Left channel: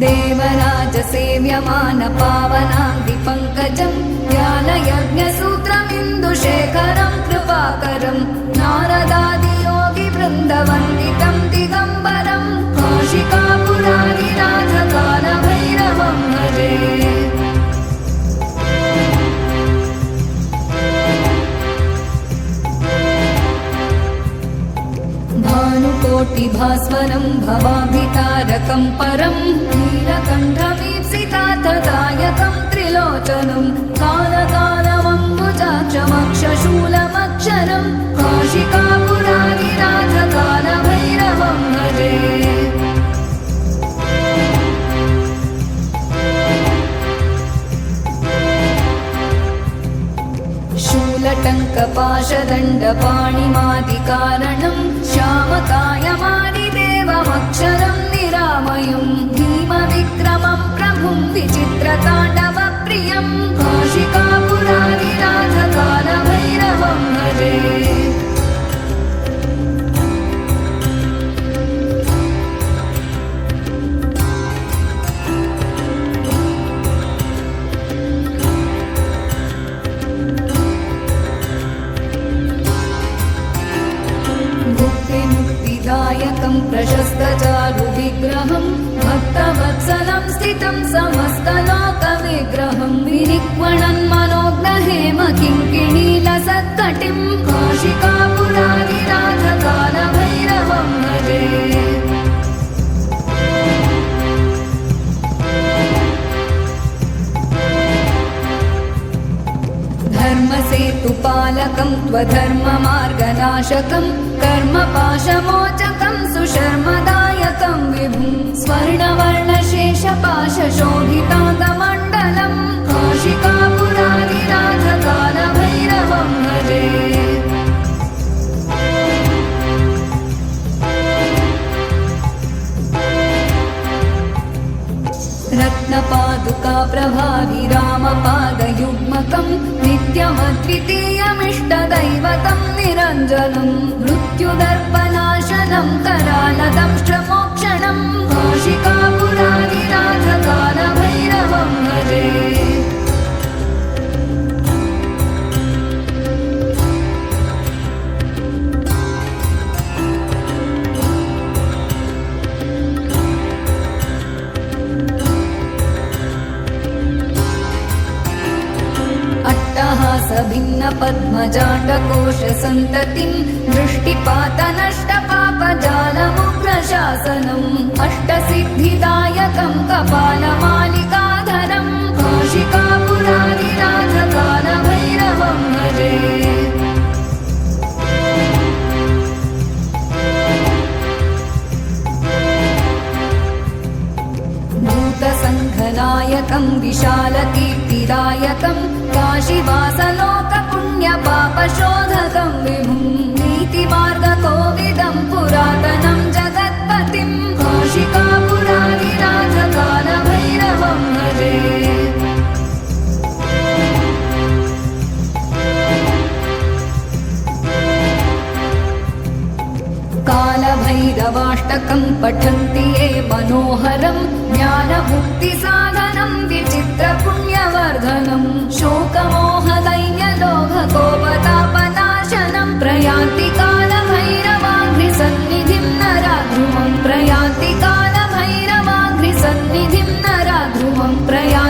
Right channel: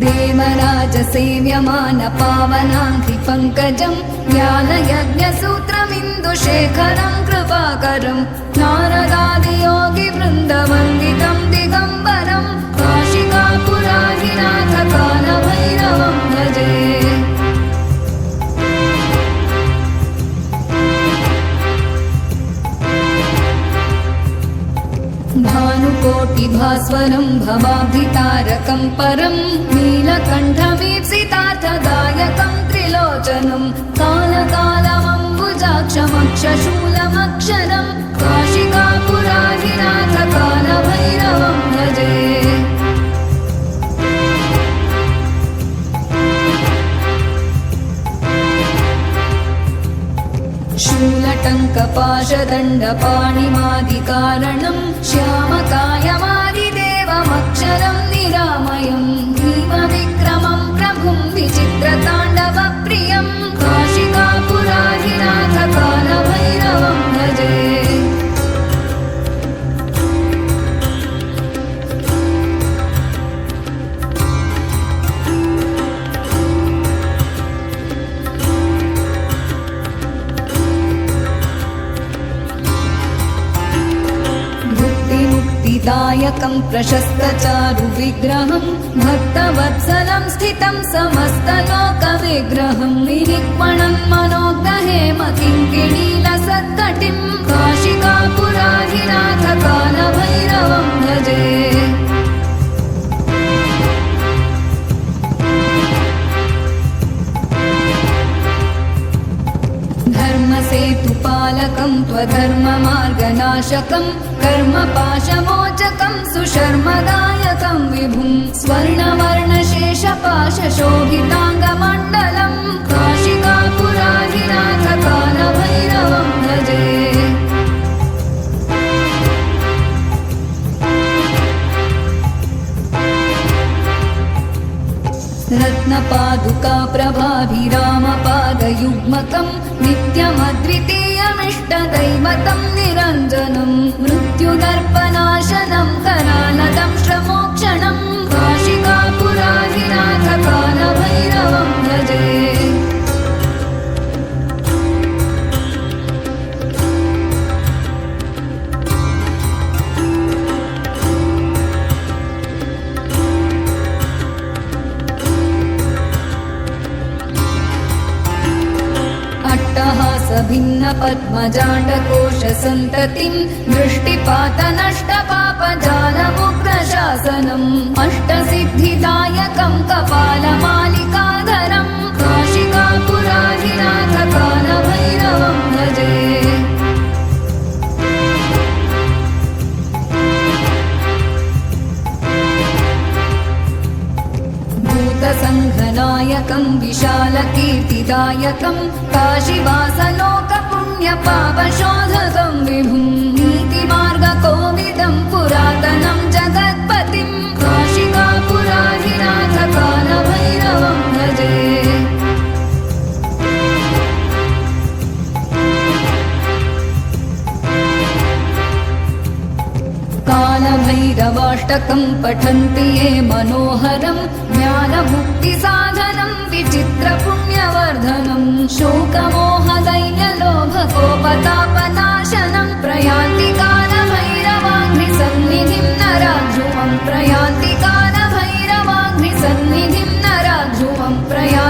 देवराजसेव्यमान पावनाङ्घ्रिपङ्कजं ज्ञानयज्ञसूत्रमिन्दुशेखरं कृपाकरं नारदादियोगिवृन्दवन्दितं दिगम्बरं काशिकापुराधिनाथकालभैरवं भजे। भानुकोटिभास्वरं भवाब्धितारकं परं नीलकण्ठमीप्सितार्थदायकं त्रिलोचनं कालकालमम्बुजाक्षमक्षशूलमक्षरं काशिकापुराधिनाथकालभैरवं भजे। शूलटङ्कपाशदण्डपाणिमादिकारणं श्यामकायमादिदेवमक्षरं निरामयं भीमविक्रमं प्रभुं विचित्रताण्डवप्रियं काशिकापुराधिनाथकालभैरवं भजे। दायकं प्रशस्तचारुविग्रहं भक्तवत्सलं स्थितं समस्तलोकविग्रहं विनिक्मणन् मनोग्रहेम किङ्किणीलसत्कटिं काशिकापुराधिनाथकालभैरवं भजे। धर्मसेतुपालकं त्वधर्ममार्गनाशकं कर्मपाशमोचकं सुशर्मदायकं विभुं स्वर्णवर्णशेषपाशशोभिताङ्गमण्डलं काशिकापुराधिनाथकालभैरवं भजे। रत्नपादुकाप्रभाभिरामपादयुग्मकं नित्यमद्वितीयमिष्टदैवतं निरञ्जनं मृत्युदर्पनाशनं करालदंष्ट्रमोक्षणं काशिकापुराधिनाथकालभैरवं भजे। भिन्नपद्मजाण्डकोशसन्ततिं दृष्टिपातनष्टपापजालमुग्रशासनम् अष्टसिद्धिदायकं कपालमालिकाधरं काशिकापुराधिनाथकालभैरवं भजे। भूतसङ्घनायकं विशालकीर्तिदायकं काशीवासलोकपुण्यपापशोधकं विभुं नीतिमार्गकोविदं पुरातनं जगत्पतिं काशिकापुराधिनाथकालभैरवं भजे। कालभैरवाष्टकं पठन्ति ये मनोहरं ज्ञानमुक्तिसाधनं विचित्रपुण्यवर्धनं शोकमोहदैन्यलोभकोपतापनाशनं प्रयान्ति कालभैरवाङ्घ्रिसन्निधिं नराध्रुवं प्रयान्ति कालभैरवाङ्घ्रिसन्निधिं नराध्रुवं प्रयान्ति